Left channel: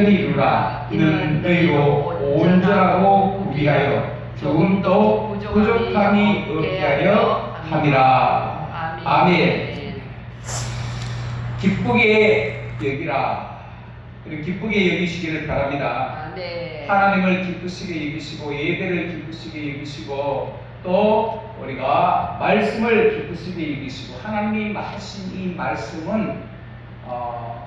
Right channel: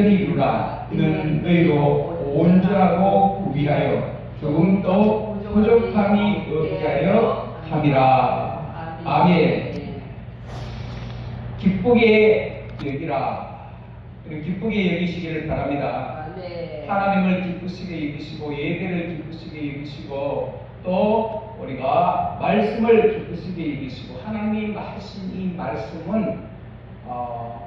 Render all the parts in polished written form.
온전히 이루라. 이는 너희로 온전하고 구비하여 조금도 부족함이 없게 하려 함이라. 아멘. 기쁘게 여기라. 기쁘게 여기시기를 바랍니다. 하나님을 기쁘시게 여기시고 예배를 기쁘시게 여기시고 또 우리가 말씀을 기쁘시게 여기시고 하나님이 하신 이 말씀은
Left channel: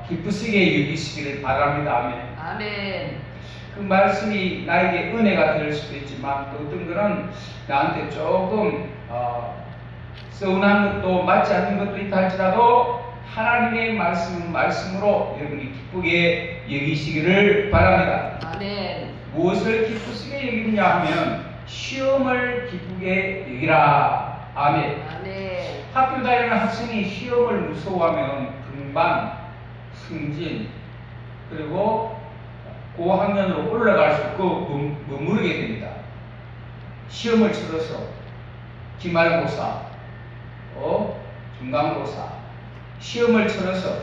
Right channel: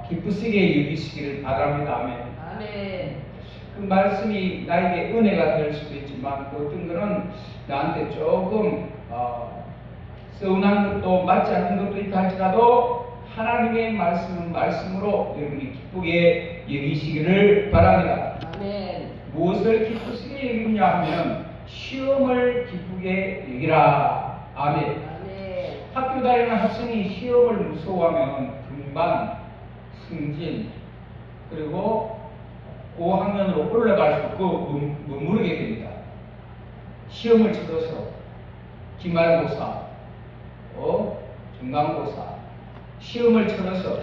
기쁘시게 여기시기를 바랍니다. 아멘. 그 말씀이 나에게 은혜가 될 수도 있지만 또 어떤 거는 나한테 조금 서운한 것도 맞지 않는 것도 있다 할지라도 하나님의 말씀은 말씀으로 여러분이 기쁘게 여기시기를 바랍니다. 아멘. 무엇을 기쁘시게 여기냐 하면 시험을 기쁘게 여기라. 아멘. 아멘. 학교 다니는 학생이 시험을 무서워하면 금방 승진 그리고 고학년으로 올라갈 수 없고 머무르게 됩니다. 시험을 치러서 기말고사, 중간고사 시험을 치러서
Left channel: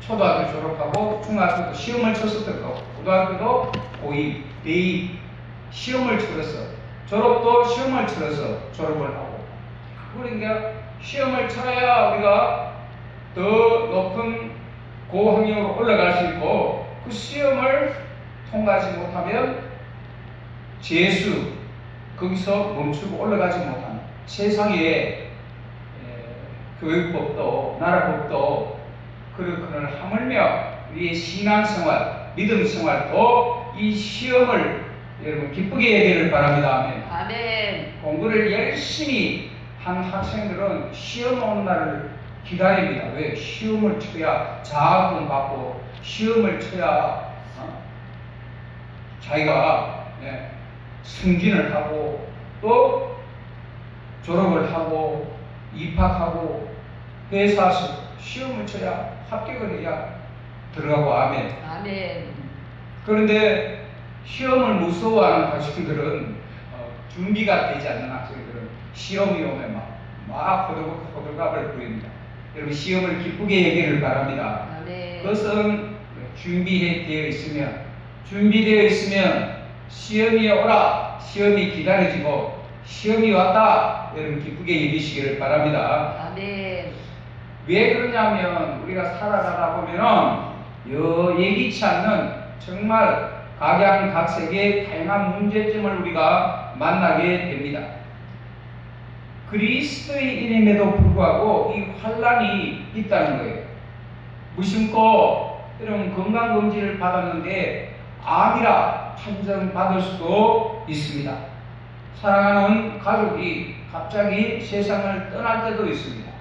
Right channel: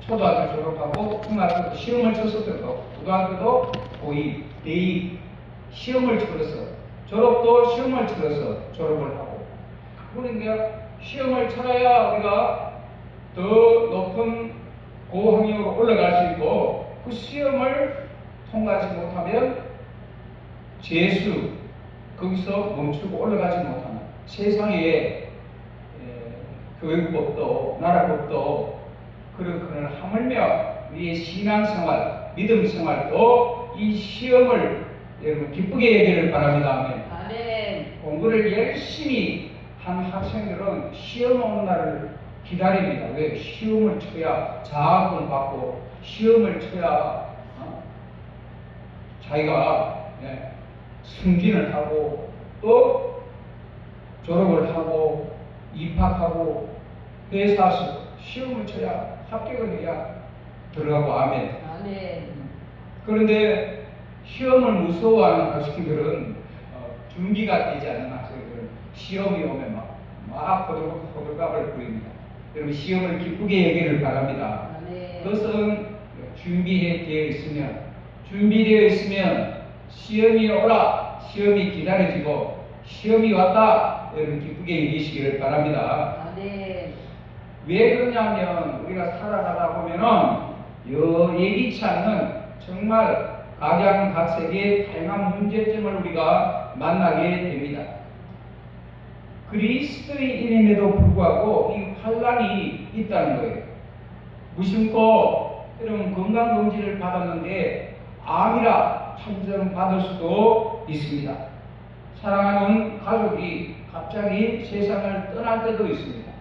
초등학교 졸업하고 중학교도 시험을 쳐서 들어가고 고등학교도 고2, 대입 시험을 치러서 졸업도 시험을 치러서 졸업을 하고 그러니까 시험을 쳐야 우리가 더 높은 고학년으로 올라갈 수 있고 그 시험을 통과하지 못하면 재수 거기서 멈추고 올라가지 못하는 세상에 교육법도 나라법도 그런 하물며 우리의 신앙생활 믿음생활도 이 시험을 여러분 기쁘게 여기를 바랍니다. 아멘. 아멘. 공부를 열심히 한 학생들은 시험 오는 날을 기다립니다. 왜? 시험을 쳐야 자학을 받고 시험을 쳐야 자기가 승진을 하고 또 졸업을 하고 입학하고 회사에서 시험을 쳐야 합격을 해야 들어가고 아멘. 아멘. 그런데 시험을 무서워하는 학생들은 준비가 되지 않는 학생들은 시험이 오면 막 호들갑을 부립니다. 여러분 시험을 기쁘게 여기를 바랍니다. 아멘. 그것은 준비되어 있으면 시험이 오라 시험이 기다려지고 시험이 왔다 여러분 기쁘게 여기시기를 바랍니다. 아멘. 왜 그러냐면 우리가 살아가다 보면은 예기치 않는 정말 각양각색의 다양한 문제점을 우리가 만나게 됩니다. 그리스도인임에도 불구하고 이 환란이 있다는 거예요. 무심코 여러분 건강검진을 받았는데 암이라 판정받을 수도 있습니다. 사랑하는 가족이 갑자기 세상을 떠날 때도 있습니다.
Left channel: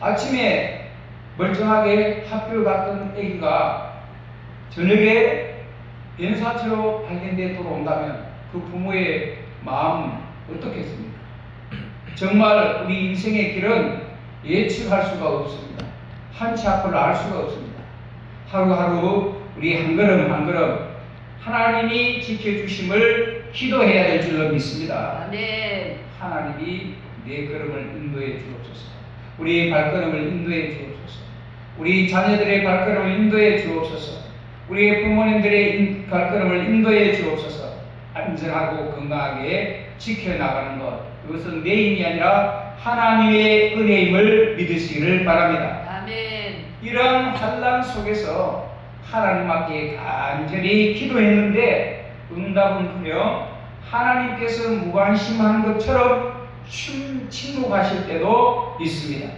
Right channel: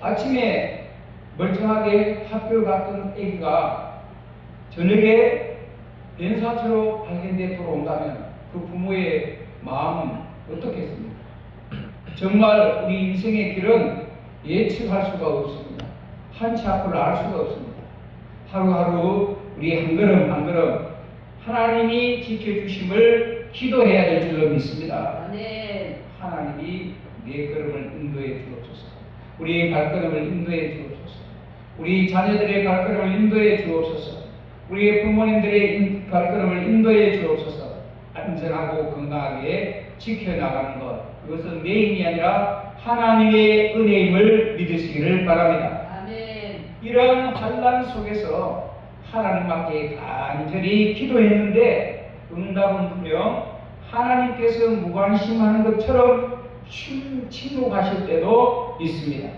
아침에 멀쩡하게 학교 갔던 아기가 저녁에 변사체로 발견돼 돌아온다면 그 부모의 마음은 어떻겠습니까? 정말 우리 인생의 길은 예측할 수가 없습니다. 한치 앞을 알 수가 없습니다. 하루하루 우리 한 걸음 한 걸음 하나님이 지켜주심을 기도해야 될 줄로 믿습니다. 아멘. 하나님이 내 걸음을 인도해 주옵소서. 우리의 발걸음을 인도해 주옵소서. 우리 자녀들의 발걸음을 인도해 주옵소서. 우리의 부모님들의 발걸음을 인도해 주옵소서. 안전하고 건강하게 지켜나가는 것 그것은 내 힘이 아니라 하나님의 은혜임을 믿으시기를 바랍니다. 아멘. 이런 환난 속에서 하나님 앞에 간절히 기도했는데 응답은커녕 하나님께서 무관심한 것처럼 침묵하실 때도 있습니다.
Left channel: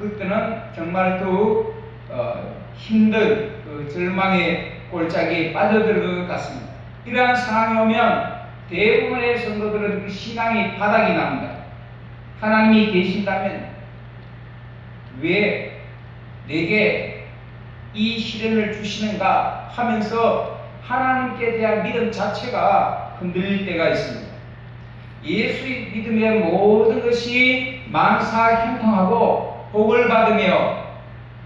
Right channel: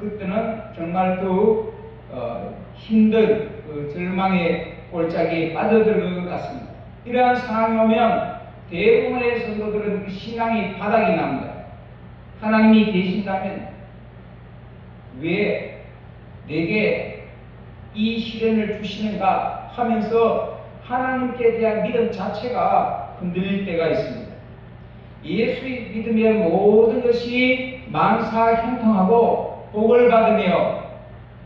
그때는 정말 또 힘든 절망의 골짜기에 빠져들 것 같습니다. 이러한 상황이 오면 대부분의 성도들은 그 신앙이 바닥이 납니다. 하나님이 계신다면 왜 내게 이 시련을 주시는가 하면서 하나님께 대한 믿음 자체가 흔들릴 때가 있습니다. 예수 믿으면 모든 것이 만사 형통하고 복을 받으며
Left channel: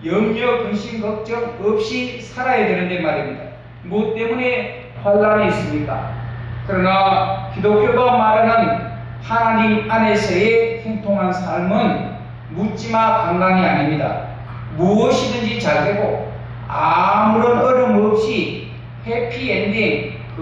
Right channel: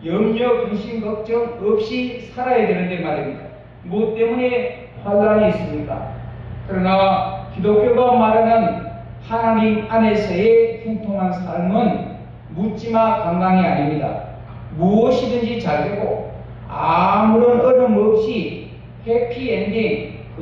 염려, 근심, 걱정 없이 살아야 되는데 말입니다. 무엇 때문에 환란이 있습니까? 그러나 기독교가 말하는 하나님 안에서의 형통한 삶은 묻지마 강강이 아닙니다. 무엇이든지 잘 되고 아무런 어려움 없이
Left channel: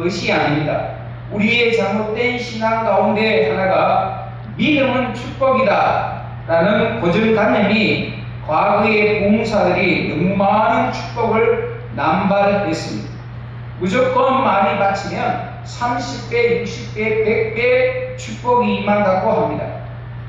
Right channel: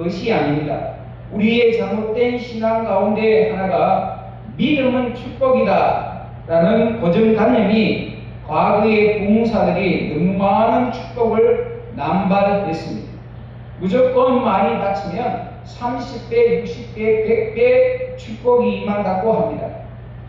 것이 아닙니다. 우리의 잘못된 신앙 가운데 하나가 믿음은 축복이다 라는 고정관념이 과거의 봉사들이 너무 많은 축복을 남발했습니다. 무조건 많이 바치면 30배, 60배, 100배 축복이 임한다고 합니다.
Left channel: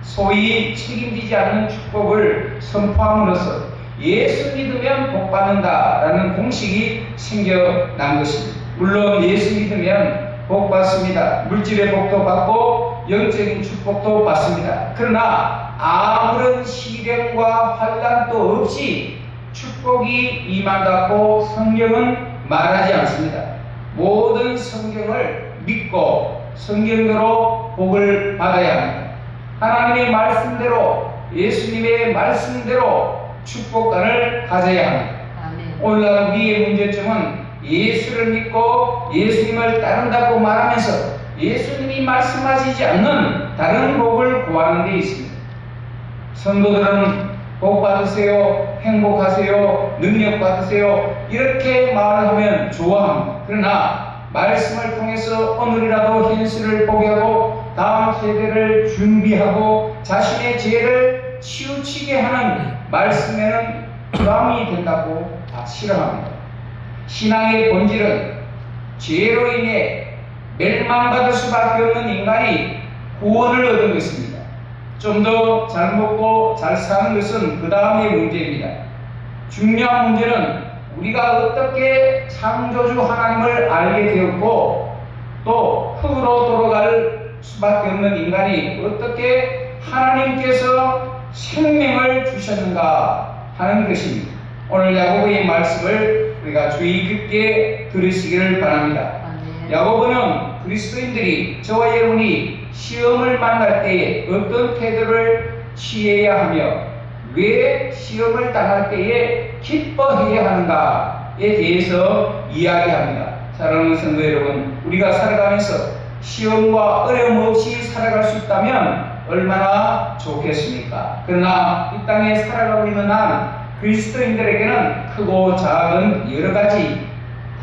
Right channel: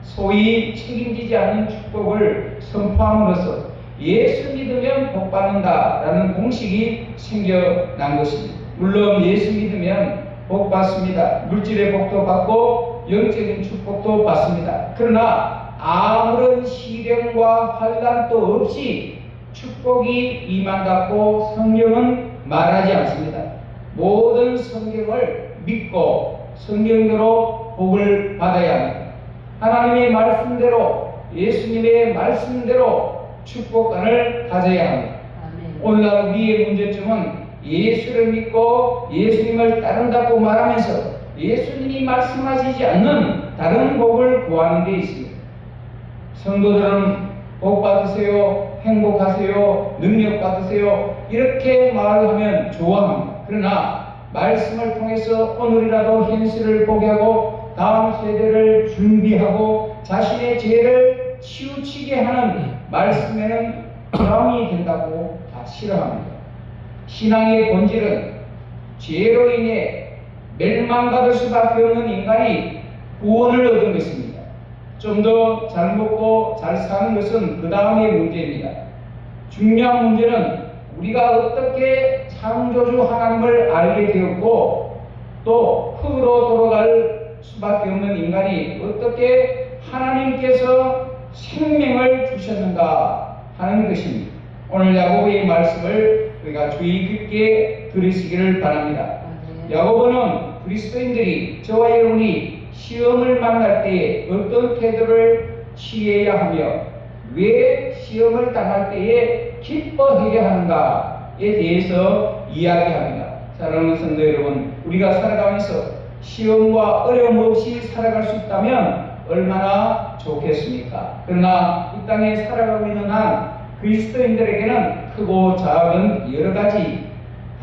소위 책임지지 않는 축복을 선포함으로써 예수 믿으면 복 받는다라는 공식이 생겨난 것입니다. 물론 예수 믿으면 복 받습니다. 물질의 복도 받고 영적인 축복도 받습니다. 그러나 아무런 시련과 환난도 없이 축복이 임한다고 성경은 말하지 않습니다. 모든 성경을 믿고 성경대로 복을 받아야 합니다. 하나님의 말씀대로, 예수님의 말씀대로 축복관을 가져야 합니다. 아멘. 오늘날 우리의 문제점은 예수를 믿고 예수님을 따른다고 말하면서 예수님이 말씀하시지 않는 다른 복을 구하는 데 있습니다. 성도들은 복 받으세요, 행복하세요, 능력 받으세요 이렇게 말을 하면 좋아합니다. 그러나 말씀을 통해서 오늘이라도 현실을 보게 하고 다음 세대를 준비하고 자신의 죄를 치우치게 하는 말씀에는 부담이 된다고 다 싫어합니다. 신앙의 본질은 죄로 인해 멸망받을 수밖에 없는 인간이 구원을 얻은 것입니다. 좀 더 잘 먹고 잘 사는 것은 그 다음의 문제입니다. 중요한 문제는 우리가 어떻게 창조주 하나님을 알게 되었고 또 흙으로 돌아갈 수밖에 없는 인간이 어떻게 하나님께서 생명을 주셨는가 하는 것입니다. 오늘 야고보의 말씀을 우리가 주의 깊게 들으시기를 바랍니다. 야고보는 그리스도인들이 저와 여러분이 시험을 만날 때에 어떤 태도를 취해야 하며 왜 시험을 당할 때에 기뻐해야 하는가에 대해서 이야기합니다. 사랑하는 성도 여러분, 우리가 살아가면서 시험과 어려움 없이 살아갈 수 있다면 얼마나 좋겠습니까? 그러나 이 땅에 살아가고 있는 한 그리스도인들에게는 크고 작은 여러 가지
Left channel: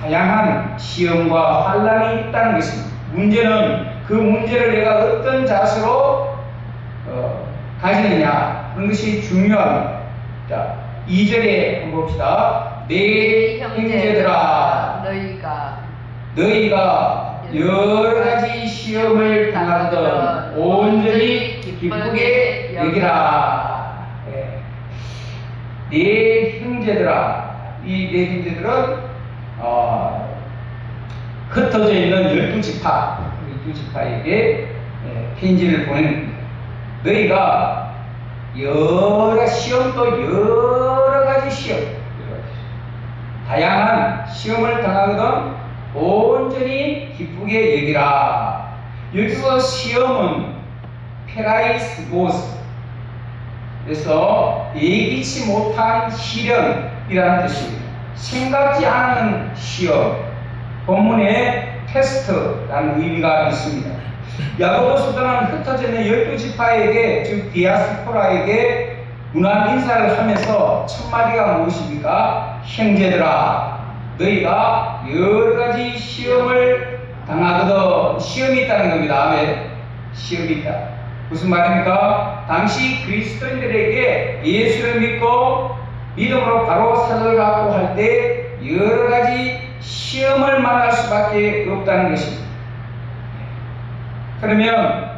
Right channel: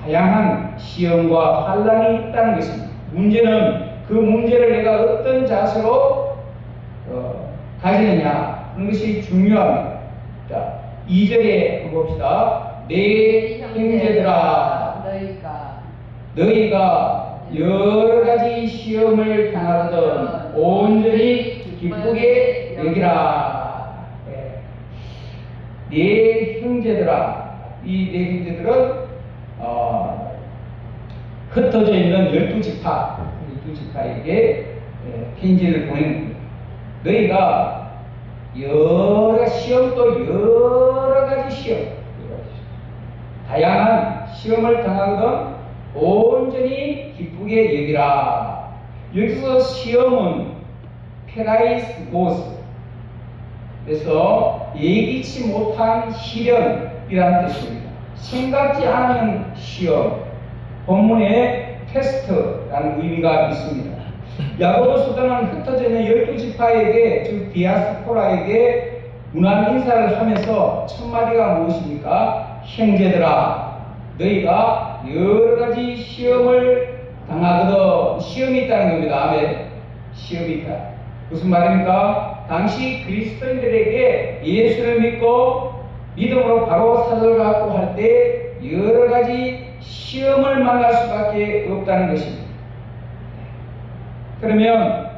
다양한 시험과 환난이 있다는 것입니다. 문제는 그 문제를 내가 어떤 자세로 가지느냐 하는 것이 중요합니다. 자, 2절에 봅시다. 내 형제들아 너희가 여러 가지 시험을 당하거든 온전히 기쁘게 여기라. 내 형제들아, 이 내 형제들은 흩어져 있는 12지파, 12지파에게 편지를 보냅니다. 너희가 여러 시험도 여러 가지 시험, 다양한 시험을 당하거든 온전히 기쁘게 여기라. 여기서 시험은 페라이스고스, 그래서 예기치 못한 시련이라는 뜻입니다. 생각지 않은 시험, 본문에 테스트라는 의미가 있습니다. 야고보서는 흩어져 있는 12지파에게, 즉 디아스포라에게 문안 인사를 하면서 첫 마디가 무엇입니까? 형제들아, 너희가 여러 가지 시험을 당하거든. 시험이 있다는 겁니다. 아멘. 시험이 있다. 무슨 말입니까? 당시 그리스도인들에게 예수를 믿고 믿음으로 바로 사도를 갖고 할 때 여러 가지 시험을 만날 수밖에 없다는 것입니다. 그러면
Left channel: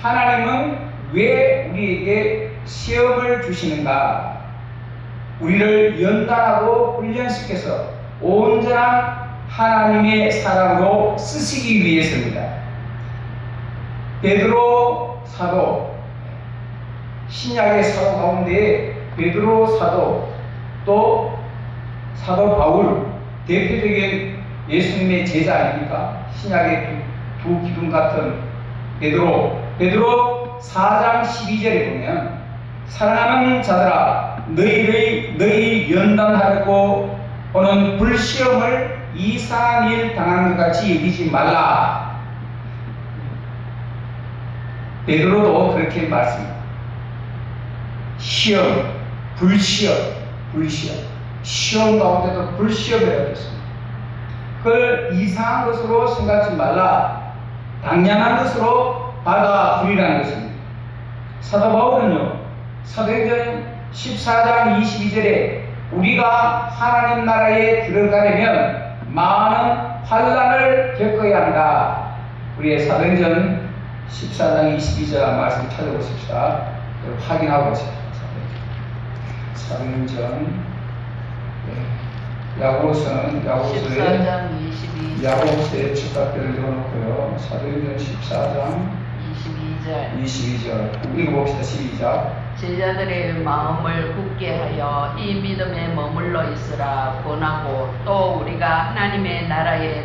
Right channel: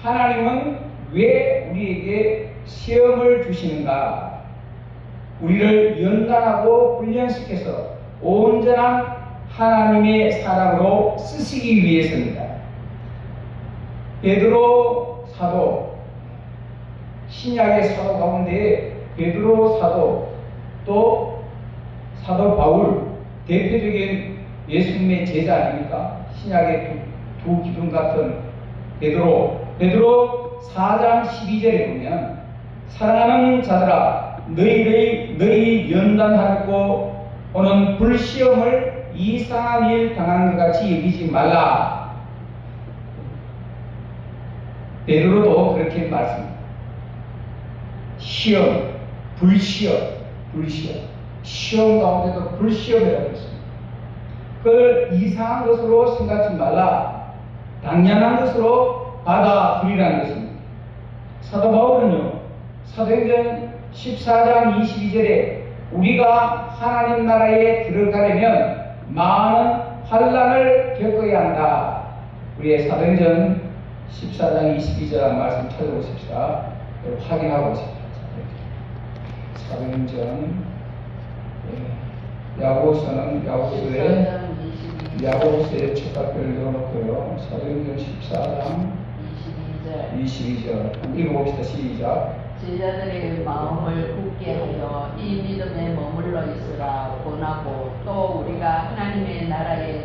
하나님은 왜 우리에게 시험을 주시는가? 우리를 연단하고 훈련시켜서 온전한 하나님의 사람으로 쓰시기 위해서입니다. 베드로 사도, 신약의 사도 가운데 베드로 사도, 또 사도 바울, 대표적인 예수님의 제자 아닙니까? 신약의 두 기둥 같은 베드로 4장 12절에 보면 사랑하는 자들아, 너희 연단하고 오는 불시험을 이상한 일 당하는 것 같이 여기지 말라. 베드로도 그렇게 말씀합니다. 시험, 불시험, 시험 가운데도 불시험이라고 했습니다. 그걸 이상한 것으로 생각하지 말라. 당연한 것으로 받아들이라는 것입니다. 사도 바울은요, 사도행전 14장 22절에 우리가 하나님 나라에 들어가려면 많은 환난을 겪어야 한다. 우리의 사도행전 14장 22절 말씀 찾아보십시다. 확인하고 있습니다. 사도행전 야고보서는 야고보서의 첫 각들을 넣어놓고요. 사도행전 14장 22절 읽어봅시다. 시작. 제자들의 마음을 굳게 하여 이 믿음에 머물러 있으라 권하고 또 우리가 하나님의 나라에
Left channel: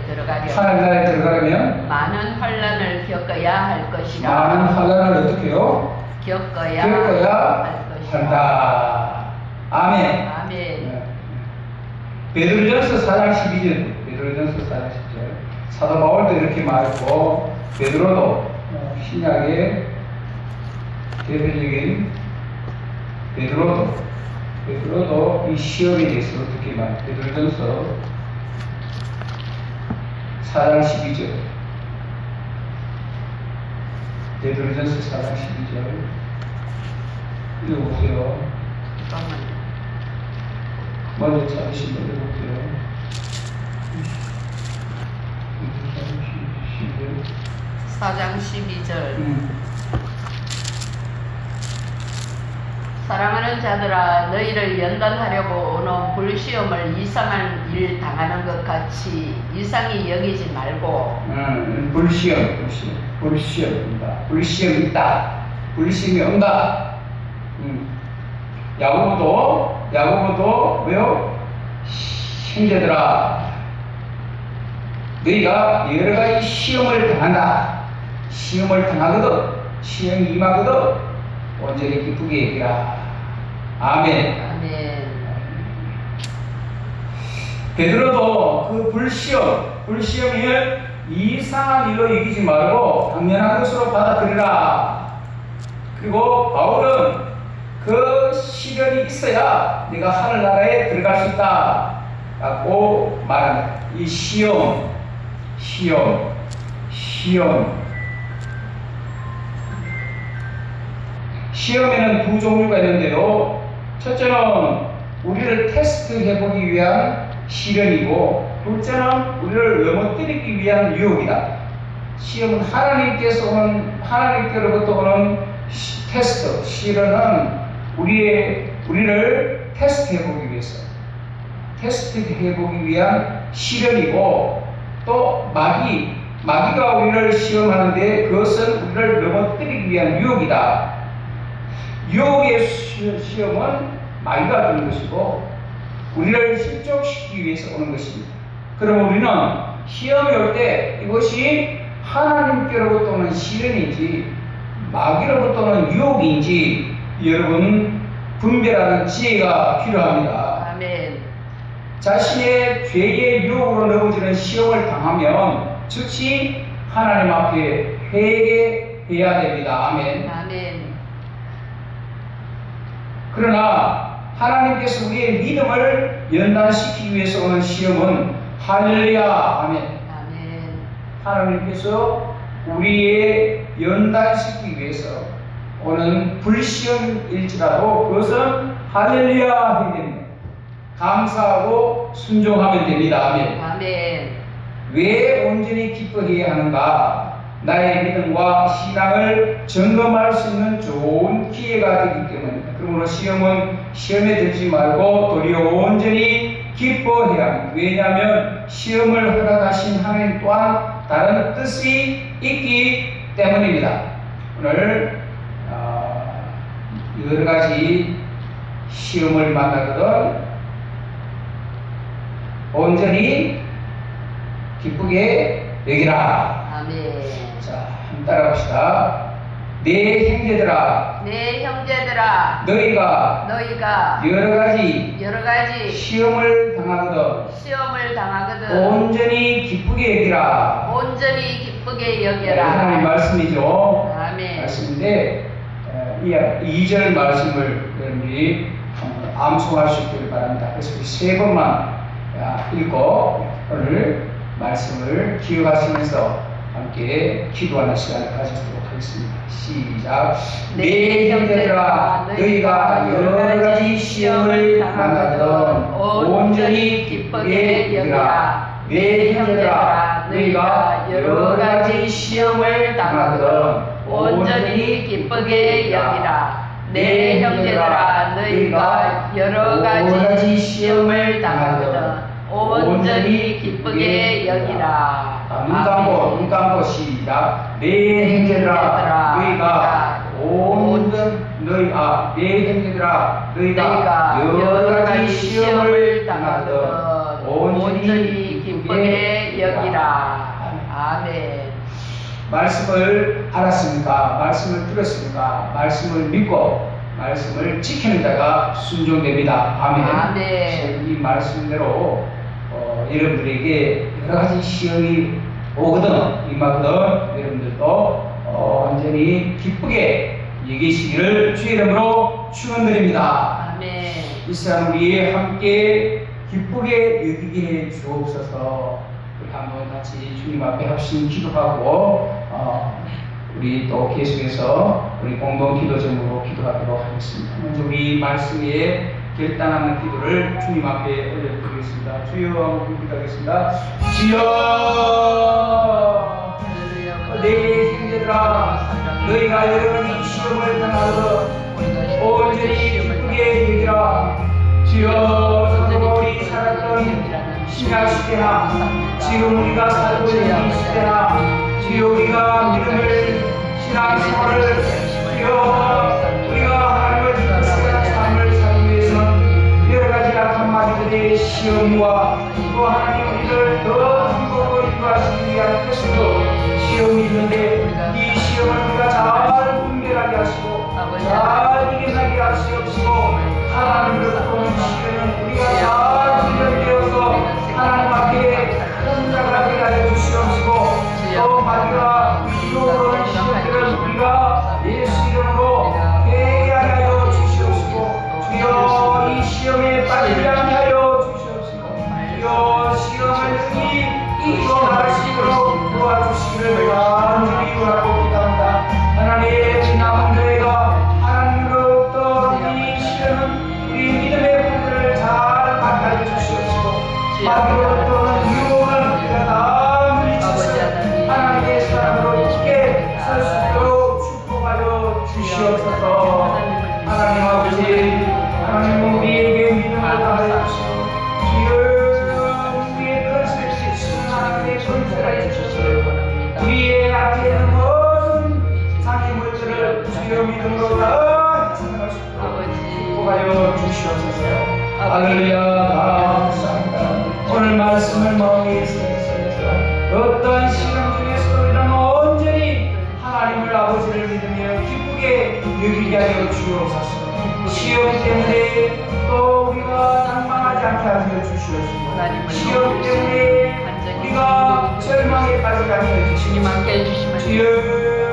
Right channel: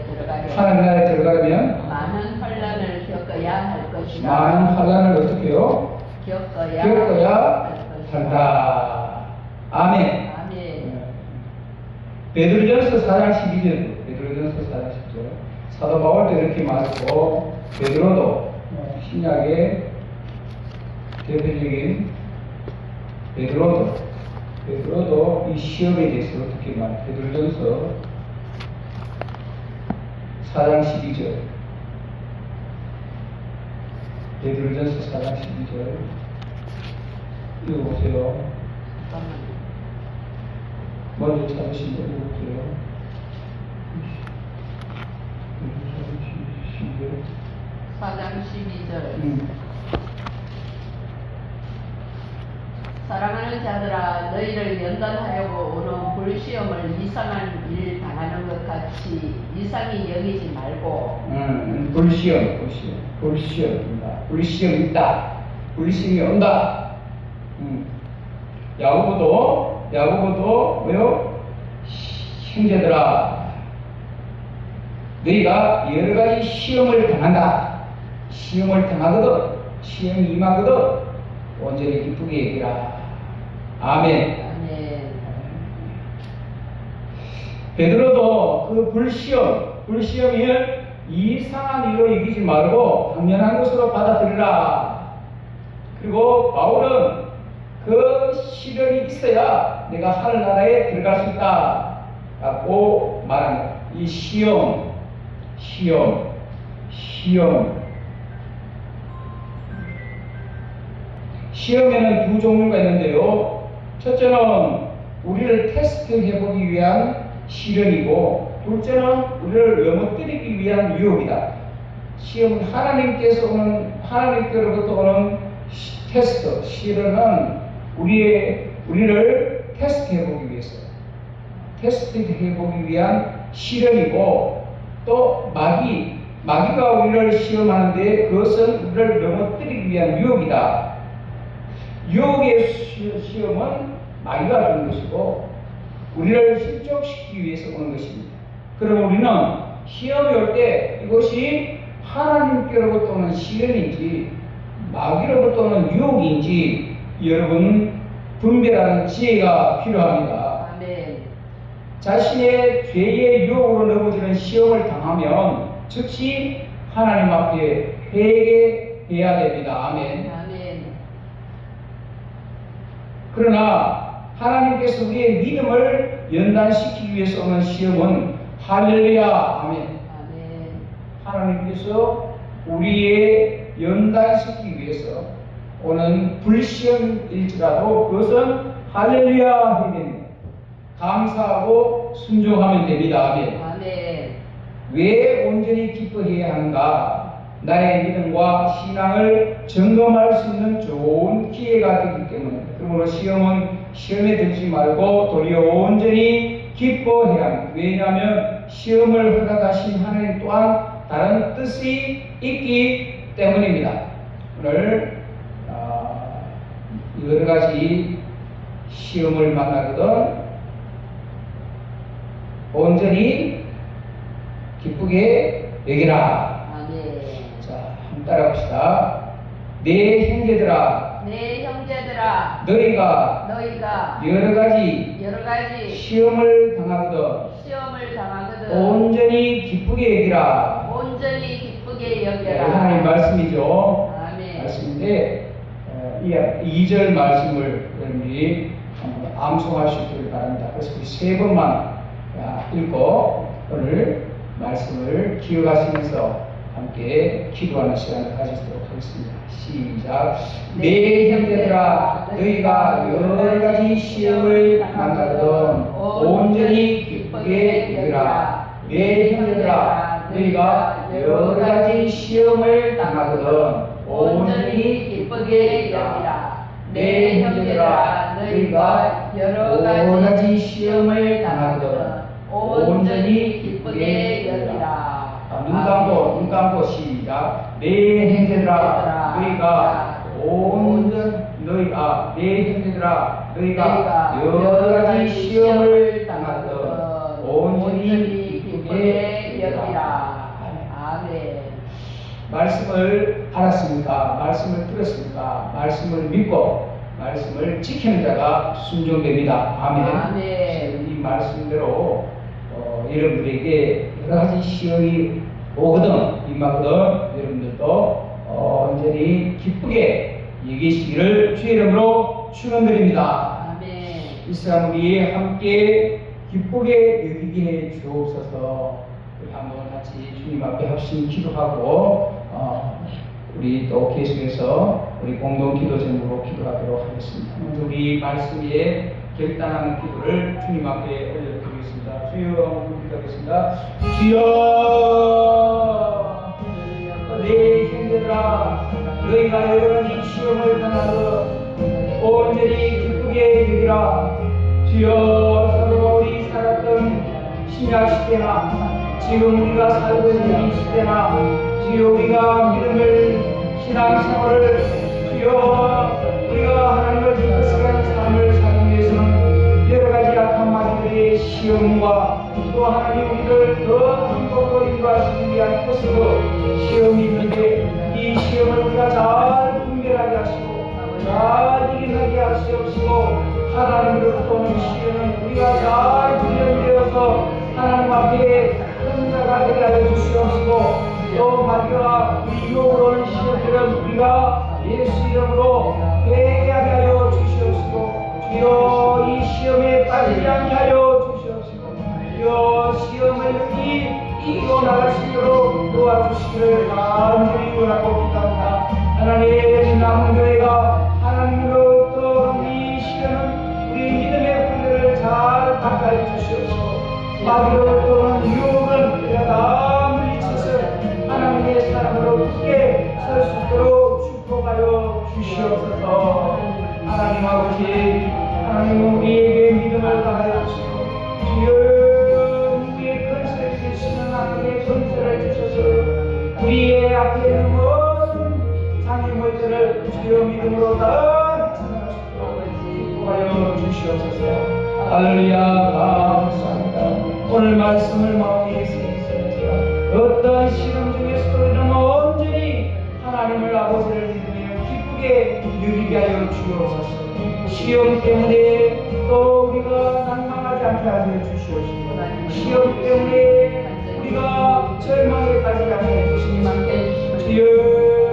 하나님 나라에 들어가려면 많은 환난을 겪어야 할 것이라. 많은 환난을 어떻게 해요? 겪어야 한다. 아멘. 아멘. 베드로전서 4장 12절, 베드로전서 4장 10절. 사도 바울도 이렇게 말했고, 베드로도 신약의 대표적인 베드로도 이 시험에 대해서 어떻게 말해? 베드로전서 4장 12절. 베드로전서 4장 12절. 읽어보세요. 먼저 찾으신 분 읽어보세요. 4장 12절. 사랑하는 자들아, 너희를 연단하려고 오는 불시험을 이상한 일 당하는 것 같이 이상히 여기지 말고. 불시험입니다. 불시험이 있다. 불시험이 온다. 야고보도 왜요? 형제들아, 너희가 여러 가지 시험을 당한다. 시험을 당하거든, 시험이 임하거든 온전히 기쁘게 얘기라. 아멘. 아멘. 베드로도 그 불시험을 이상한 일로 여기지 말고 당연한 것으로 받아들이라. 그리고 바울은 그 시련이 있어야 내가 하늘나라에 들어갈 수 있다 라고 말합니다. 이 시험에는 두 종류가 있는데요. 첫째는 우리를 테스트해보기 위한 시련이고, 둘째는 우리를 넘어뜨리기 위한 유혹이다. 시험은 하나님께로부터 오는 테스트, 시련은 우리를 테스트해보기 위한 시련이고, 또 마귀가 우리를 시험하는데 그것은 우리를 넘어뜨리기 위한 유혹이다. 유혹의 시험은 마귀가 주는 것이고 우리를 실족시키기 위해서 오는 것입니다. 그럼 우리는 시험이 올 때 이것이 하나님께로부터 오는 시련인지 마귀로부터 오는 유혹인지 여러분 분별하는 지혜가 필요합니다. 아멘. 자신의 죄의 유혹으로 넘어지는 시험을 당하면 즉시 하나님 앞에 회개해야 됩니다. 아멘. 아멘. 그러나 하나님께서 우리의 믿음을 연단시키기 위해서 오는 시험은 할렐루야. 아멘. 아멘. 하나님께서 우리의 연단시키기 위해서 오는 불시험일지라도 그것은 할렐루야 해야 됩니다. 감사하고 순종하면 됩니다. 아멘. 아멘. 왜 온전히 기뻐해야 하는가? 나의 믿음과 신앙을 점검할 수 있는 좋은 기회가 되기 때문입니다. 그러므로 시험에 들지 말고 도리어 온전히 기뻐해야 합니다. 왜냐하면 시험을 허락하신 하나님 또한 다른 뜻이 있기 때문입니다. 오늘 여러 가지 시험을 만나거든 온전히 기쁘게 여기라. 아멘. 자, 한번 따라합시다. 내 형제들아, 너희가 여러 가지 시험을 당하거든 온전히 기쁘게 여기라. 하나님 말씀이죠. 아멘. 말씀인데 이 2절 말씀을 여러분이 암송할 수 있기를 바랍니다. 그래서 세 번만 읽고 오늘 말씀을 기억하시면서 함께 기도하는 시간을 가지도록 하겠습니다. 시작. 내 형제들아, 너희가 여러 가지 시험을 만나거든 온전히 기쁘게 여기라. 내 형제들아, 너희가 여러 가지 시험을 당하거든 온전히 기쁘게 여기라. 내 형제들아, 너희가 여러 가지 시험을 당하거든 온전히 기쁘게 여기라. 눈 감고 시작. 내 형제들아, 너희가 내 형제들아, 너희가 여러 가지 시험을 당하거든 온전히 기쁘게 여기라. 아멘. 말씀을 알았습니까? 말씀을 들었습니까? 말씀을 믿고 말씀을 지키는 자가 순종됩니다. 아멘. 아멘. 이 말씀대로 여러분들에게 여러 가지 시험이 오거든, 임하거든, 여러분들도 온전히 기쁘게 여기시기를 주의 이름으로 축원드립니다. 아멘. 이 시간 우리 함께 기쁘게 여기게 해 주옵소서. 우리 한번 같이 주님 앞에 합심 기도하고 우리 또 계속해서 우리 공동 기도 제목으로 기도하도록 하겠습니다. 먼저 우리 말씀 위에 결단하는 기도를 주님 앞에 올려드리겠습니다. 주여 하고 기도하겠습니다. 주여, 내 형제들아, 너희가 여러 가지 시험을 당하여 온전히 기쁘게 여기라. 주여, 서로 우리 살았던 신약 시대나 지금 우리가 살고 있는 이 시대나 주여, 우리가 믿음을 신앙생활을 주여, 우리가 하나님을 믿고 살아가는 삶을 살기 위해서는 여러 가지 악한 마귀들의 시험과 또 하나님 우리를 더 행복으로 인도하시기 위한 뜻으로 시험이 있는데 이 시험을 우리가 잘 분별하게 하시고 잘 이겨나게 하시옵시고 하나님으로부터 오는 시험은 우리가 잘 훈련되어서 하나님 앞에 큰 자가 되게 하여 주시옵시고 또 마귀가 유혹으로 오는 시험들은 우리가 예수 이름으로 회개하게 하여 주시옵시고 주여, 이 시험에 빠지지 않게 하여 주시옵시고 주여, 시험을 이기고 나갈 수 있도록 도와주시기를 간절히 원하고 기도합니다. 하나님, 남은 교회가 하나님으로부터 이 시험은 우리 믿음의 분들을 잘 받게 하여 주시옵시고 마귀로부터는 유혹을 우리가 다 물리쳐서 하나님의 사랑으로 굳게 설 수 있도록 축복하여 주시옵소서. 하나님 아버지, 하나님은 우리에게 믿음을 다하여 주시고 주여, 우리의 그릇을 지키시는 하나님의 권세를 주셔서 우리의 앞에 있는 모든 장애물들을 주여 믿음으로 다 전할 수 있도록 축복하여 주시옵소서. 할렐루야. 감사합니다. 오늘 말씀을 마음에 새기시면서 어떠한 시험 중에서도 우리는 온전히 하나님을 아버지를 믿으며 기쁘게 여기게 하여 주옵소서. 시험 때문에 또 우리가 낭망하지 않게 하여 주시옵소서. 시험 때문에 우리가 절망에 빠지지 않게 하여 주시옵소서. 주여,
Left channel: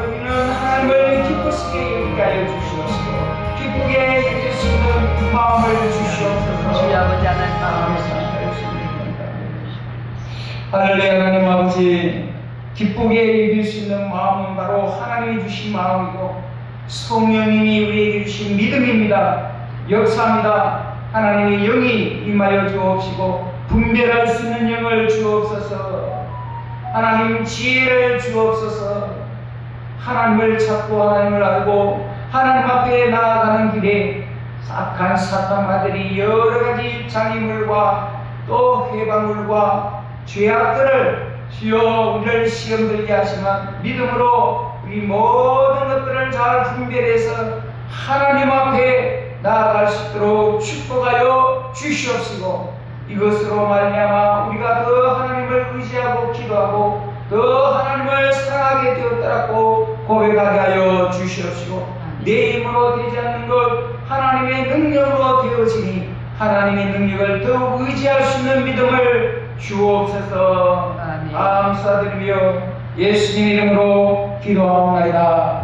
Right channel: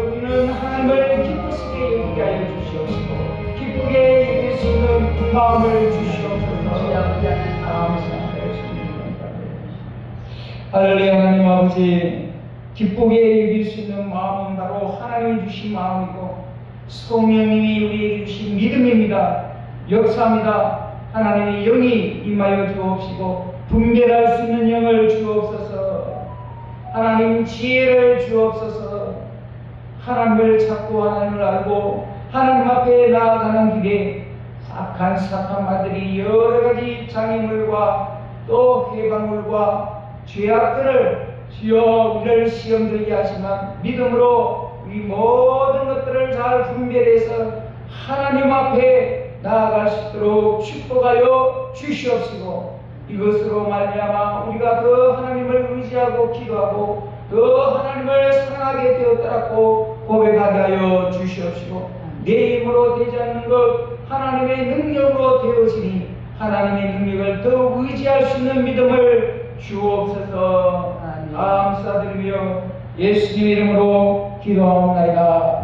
우리는 하나님을 기쁘시게 여기게 하여 주시옵소서. 기쁘게 여길 수 있는 마음을 주시옵소서. 주여 아버지 하나님 할렐루야. 하나님 아버지, 기쁘게 여길 수 있는 마음은 바로 하나님이 주신 마음이고 성령님이 우리에게 주신 믿음입니다. 역사합니다. 하나님의 영이 임하여 주옵시고 분별할 수 있는 영을 주옵소서. 하나님 지혜를 주옵소서. 하나님을 찾고 하나님을 알고 하나님 앞에 나아가는 길에 악한 사탄마들이 여러 가지 장애물과 또 해방물과 죄악들을 주여 우리를 시험 들게 하지만 믿음으로 이 모든 것들을 잘 분별해서 하나님 앞에 나아갈 수 있도록 축복하여 주시옵시고 이것으로 말미암아 우리가 더 하나님을 의지하고 기도하고 더 하나님을 사랑하게 되었다라고 고백하게 하여 주시옵시고 내 힘으로 되지 않는 것 하나님의 능력으로 되어지니 하나님의 능력을 더욱 의지할 수 있는 믿음을 주옵소서. 감사드리며 예수님 이름으로 기도하옵나이다.